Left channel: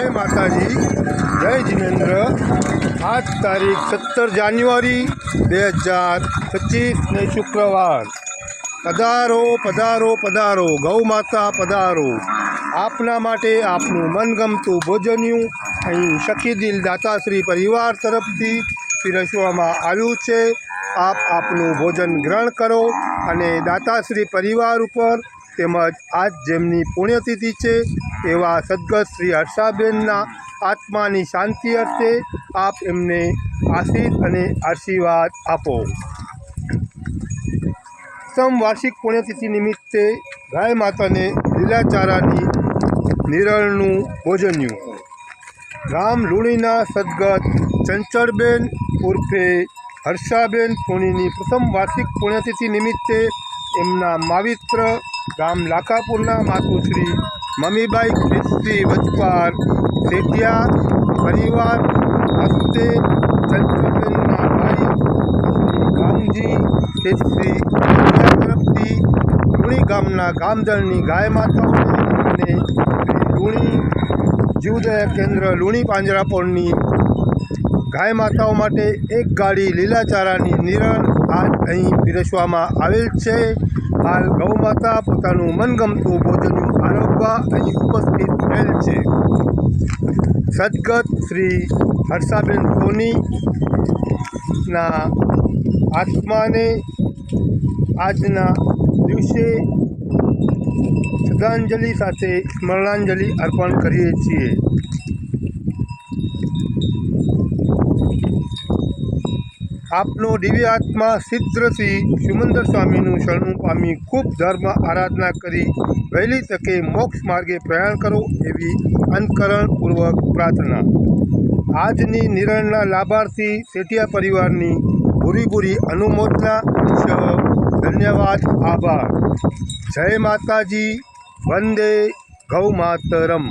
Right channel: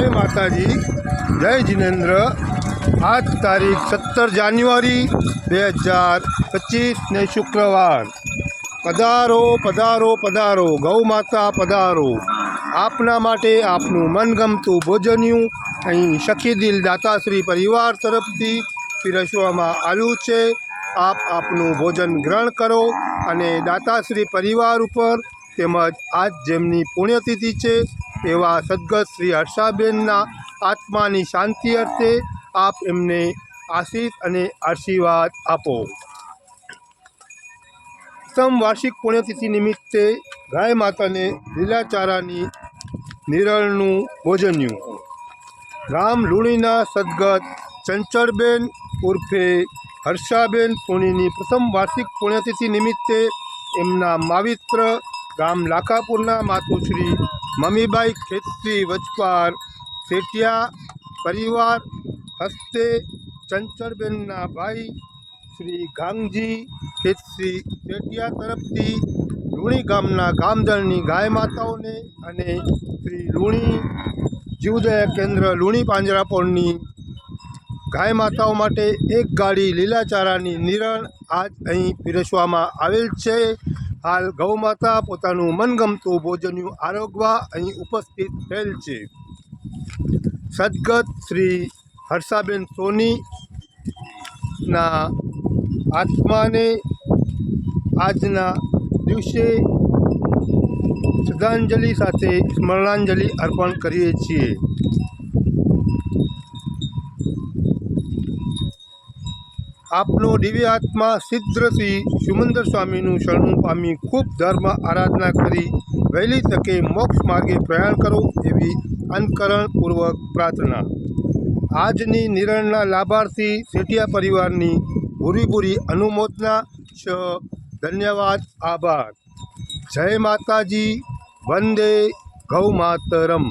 जय माताजी, जय जिनेन्द्र। आज तारीख 17 जान्युआरी 2025 ने शुक्रवार। पधारो पधारो पधारो गौ माता पधारो। आपना माटे आपनु मनगमतुं भोजन्युं અહીં સખી દિલ દાતાશ્રી પરિવાર તરફથી પીરસવામાં આવ્યું છે। આપ આપનું ભોજન ગ્રહણ કરો અને દાતાશ્રી પરિવાર ઉપર તેમજ આજ જેમની પુણ્યતિથિ છે એવા સદગત શ્રી હર્ષાબેનના આત્માની શાંતિ અર્થે આપ એમને આશીષ અને આશીર્વાદ આપો। વાર્ષિક પુણ્યતિથિ નિમિત્તે ગાય માતાને લીલાચારાની નિરળનું ભોજન્યું। ગામ લુણીના સદગત ચંચળબેન ઉર્ફે હર્ષાબેન સોનીની પ્રથમ વાર્ષિક પુણ્યતિથિ નિમિત્તે એમના માવિત્ર ગામ લાખાપુરના માતુશ્રી મમીબાઈ ખેતશ્રી વચપાર શેઠિયા પરિવાર હસ્તે ચંચળબેનના ભાઈ શ્રી ગામજી ખેતશ્રી શેઠિયા તરફથી લુણી ગામના ગામજળની ગાય માતાઓને અને શ્રી લુણી જીવદયા કેન્દ્ર લુણી પાંજરાપોળની ગાય માતાઓ માટે એક ગાડી લીલાચારાની નિરણ આજ અહીં પીરસવામાં આવેલ છે। હાલ ગૌ માતા પોતાનું મનગમતું ભોજન આરોગવા અહીં ઉપસ્થિત થયેલ છે। સદગત શ્રી હર્ષાબેન સોનીના આત્માને આજના દિવસે શ્રદ્ધાંજલિ સાથે સ્મરણાંજલિ અર્પણ કરીએ છીએ। આપનો દિવ્ય આત્મા સિદ્ધશ્રી સુમંદર સ્વામીનું શરણું પામી ખૂબ ધર્મ આરાધના કરી વહેલી તકે મોક્ષ માર્ગે પ્રયાણ કરો એવી અંતકરણપૂર્વક પ્રાર્થના। આજની નિરણના લાભાર્થી શેઠિયા પરિવારની ભૂરી અનુમોદના છે। ધન્યવાદ, આભાર। જય માતાજી, વંદે ગૌ માતરમ।